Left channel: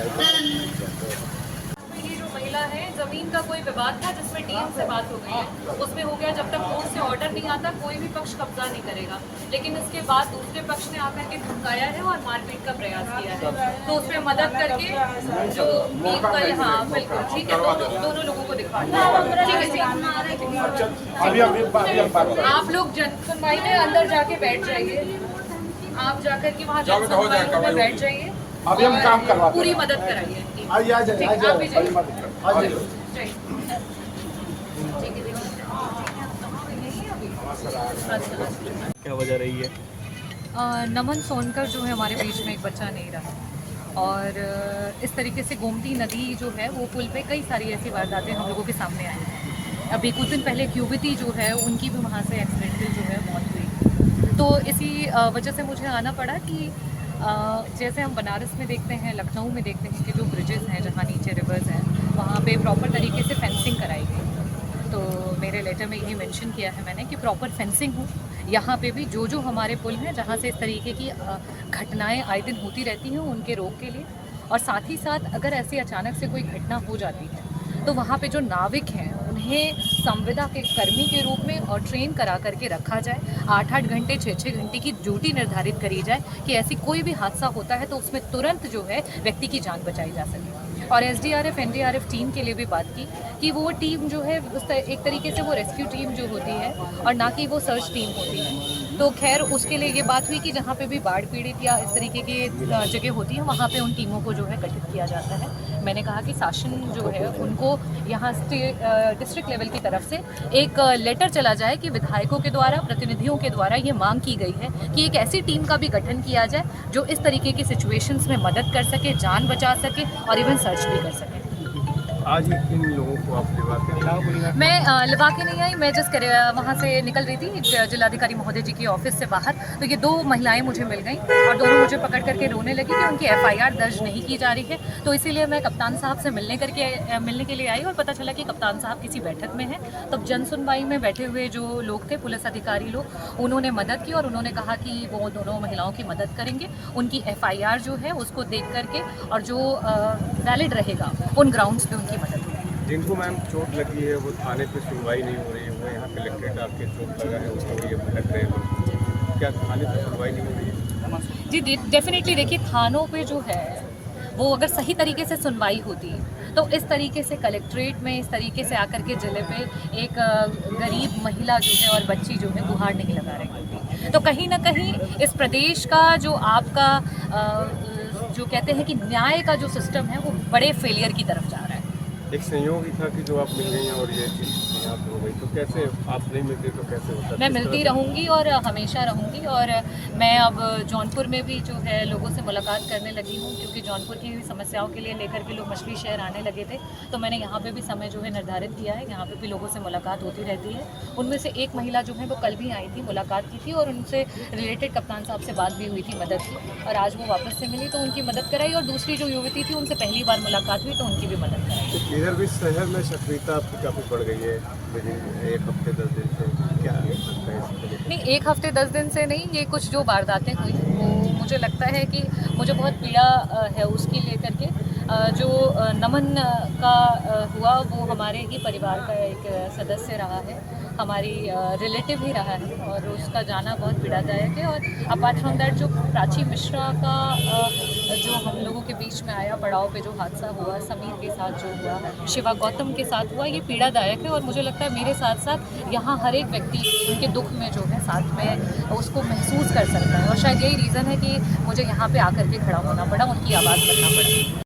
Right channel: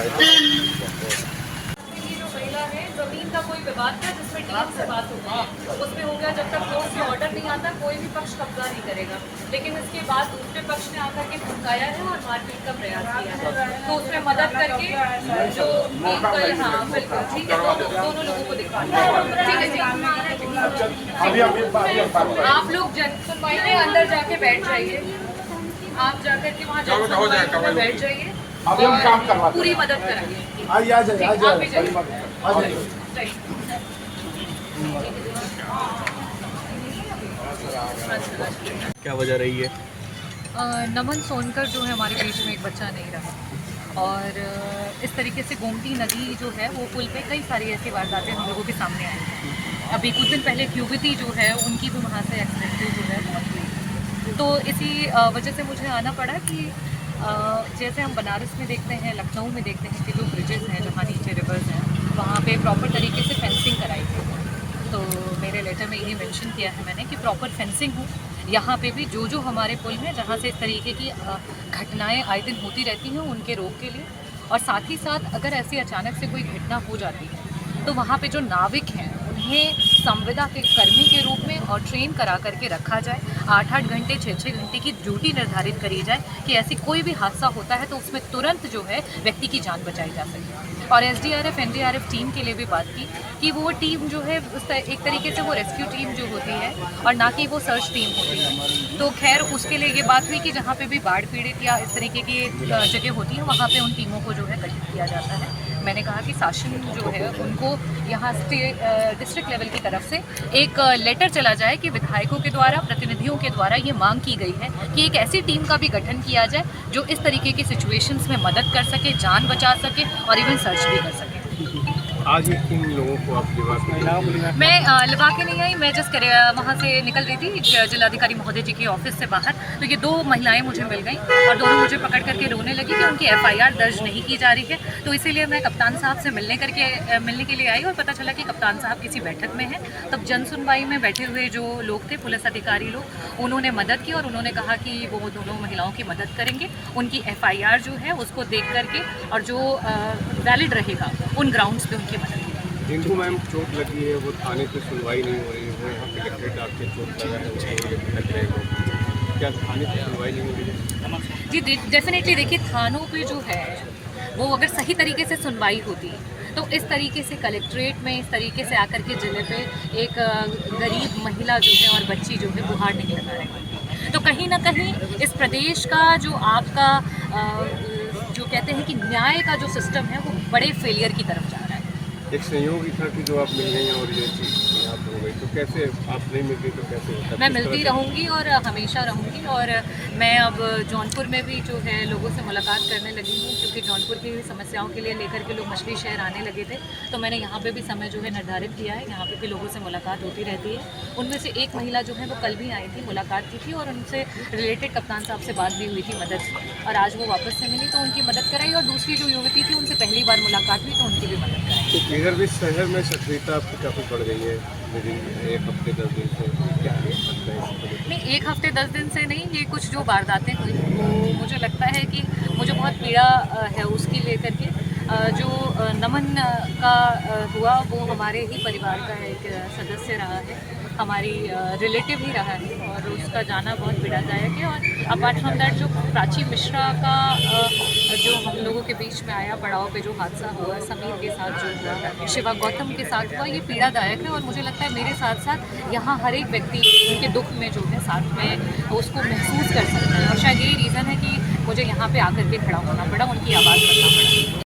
ये जो महिला है, जमीन का कोई विवाद था जिसमें टीम से बात हो गई है, उसमें हो गया जब तक कोर्ट से ऑर्डर नहीं आता कोई भी पक्ष कब्जा नहीं करेगा। लेकिन इसके बाद दूसरे पक्ष ने आकर के धमकाया है और मारपीट का प्रयास किया है, तो उसमें मदद करके जो हाँ बिल्कुल ठीक है, दोनों लोगों को दिखा ठीक है जी। आप लोग जन सुनवाई में अंदर जाके बैठ जाइए, आप जाकर के वहाँ जन सुनवाई में बैठ जाइए, अभी हम काम करवाते पूरी मदद कराइए। आइए आ जाइए क्या वजह रही है? नमन सोनकर जो है हमारे बीच में एक बच्चा नहीं रहा, और इस तरीके से गोमती नदी जो है वो पुल पे कई सारी ऐसी वारदातें हम लोगों के सामने आई हैं। अभी कुछ दिन पहले क्यूबिती जो है उनकी भी वहाँ से एक्सीडेंटली जो है मौत हुई। तो इसी वजह से मुझे आना पड़ा कि जैसे हम बनारस में देखते हैं, लखनऊ में देखते हैं कि जो ब्रिजेस हैं जहाँ नीचे रिवर्स हैं वहाँ पे प्रॉपर तरीके से फेंसिंग कराई गई। तो मेरे लेटर में यही मेंशन किया है मैंने कि प्रॉपर फेंसिंग हो। यहाँ पे भी जो हमारे पुल हैं जहाँ से इस तरीके की घटनाएं आए दिन होती रहती हैं उनके रोक के लिए, और साथ ही साथ अगर ऐसी अचानक से कोई घटना हो जाती है तो वहाँ पे जो नाविक हैं उन्हें संविदा के कर्मी के रूप में और ट्रेन करा करके रखा जाए। 8-8 घंटे 6-6 घंटे की ड्यूटी निर्धारित करी जाए कि ऐसी कोई भी हादसा होता है तो उसमें तुरंत जो है व्यक्ति की जान बचाई जा सके। और SDRF NDRF टीम के लिए भी बात की कि वो टीम जो है एक तरीके से वो रेस्क्यू टीम जो होती है और ना कि वो सर्च टीम होती है। तो खैर उसके लिए ये बात हुई कि जहाँ पे भी बाढ़ पीड़ित या इस तरीके की जगह होती है वहाँ पे उन टीमों को जो है गठित किया जाता है। मैंने कहा कि शासन जो है उनको यहाँ डिस्ट्रिक्ट लेवल की तरफ से एक लेटर चला जाए कि विधायकों के द्वारा, प्रतिनिधियों के द्वारा ये मांग की गई है कि एक ऐसी टीम का भी गठन किया जाए जो इस तरीके की सिचुएशंस में मदद कर सके, जान बचा सके और इवन सर्च भी कर सके। आज इन लोगों को आप लिवा के मैं लिवा के नहीं आई, मैं जस्ट वहाँ से निकल रही थी जिलाधिकारी महोदय जी के ऑफिस से बाहर, तो ये 2 महिलाएं मुझे मिल गई और दोनों मुझे पकड़ करके रोने लगी कि उनकी FIR दर्ज नहीं की जा रही है। तो इसीलिए मैं कप्तान साहब से मिलने के लिए आई और पता चला कि कप्तान साहब किसी बैठक में हैं। तब जन सुनवाई में बैठे हुए जो लोग थे, पुलिस अधिकारी लोग, उन्होंने मदद की और उन्होंने कहा कि वो दोनों महिलाओं की मदद करेंगे। उनकी FIR जो है उसको देख करके और जो वैलिड रहेगा उन ग्राउंड्स पे उनकी मदद होगी। जिनको मैम चोट लगी है वो थाने पे सुनवाई नहीं हो रही है, वो यहाँ कलेक्ट्रेट आपके चोट लगा है उसके लिए भटक रहे हैं, क्या थाने पे सुनवाई नहीं हो रही है? जी डेफिनेटली देखिए, थानों पे जो है वो अगर सही तरीके से सुनवाई होती तो इस तरीके से कलेक्ट्रेट में इस तरीके से आकर के ज़िले पे एक गरीब महिला जो है और बच्ची जो है गुहार नहीं लगा रही। तो कहीं ना कहीं इस प्रदेश का जो आपका जो कहते हैं कि न्याय का जो सिस्टम है वो बड़े फेलियर की तरफ जा रहा है। एक संयोग ही था कि जो आप मिल गई और ये चीज़ यहाँ पर हो गई, तो कैसे आप नहीं मिलती तो कैसे होता? मैं मिलती रहूँगी और हमेशा रहूँगी, और मैं अब जौनपुर में भी जो है लोगों से मुलाकात करने लगी हूँ, क्योंकि जौनपुर की समस्याओं के लिए लेकर के लोग मछली शहर आने लगे थे। तो मैंने यहाँ पे भी समय जो है निर्धारित किया है, यहाँ पे भी लोगों से मुलाकात होती रहती है। उनमें से एक महिला जो है वो कल भी आई थी, मुलाकात की थी और उनसे रिलेटेड कप्तान साहब से बात भी हुई थी मदद की, और आज वो वापस से मिली तो उनकी मदद कराई। और दूसरी जो युवती थी उनसे पहली बार मुलाकात हुई तो उनकी भी मदद कराई। इधर भी शहर में सक्रियता आपकी काफ़ी बढ़ गई है एक हफ्ते 10 दिन से, क्या लगता है? नहीं, 1 हफ्ते 10 दिन से नहीं, ये कुछ जो वारदातें हुई वो मुझे लगता है कि मुझे बहुत पीड़ा है उसकी लेकर के। जो नमन का हुआ वो हमारे ही परिवार का एक सदस्य रहा है, हमारी रिलेटिव ही रहा है, और उसका जाना बहुत पीड़ादायक है। और अपार्ट फ्रॉम दैट जो प्राची मिश्रा का जो हम लोगों के बीच में आया पड़ाव पे जो हादसा हुआ, समीर के साथ जो हुआ, शिवा गौतम के साथ हुआ, ये पीड़ादायक है। और मुझे लगता है मेरे साथ साथ यहाँ हर एक व्यक्ति उनके दुख में जो है साथ में उसको महसूस कर सकता है, और शायद यही रीज़न है कि मुझे यहाँ पे आकर के खड़ा होना पड़ा, उनकी आवाज़ बनना पड़ा।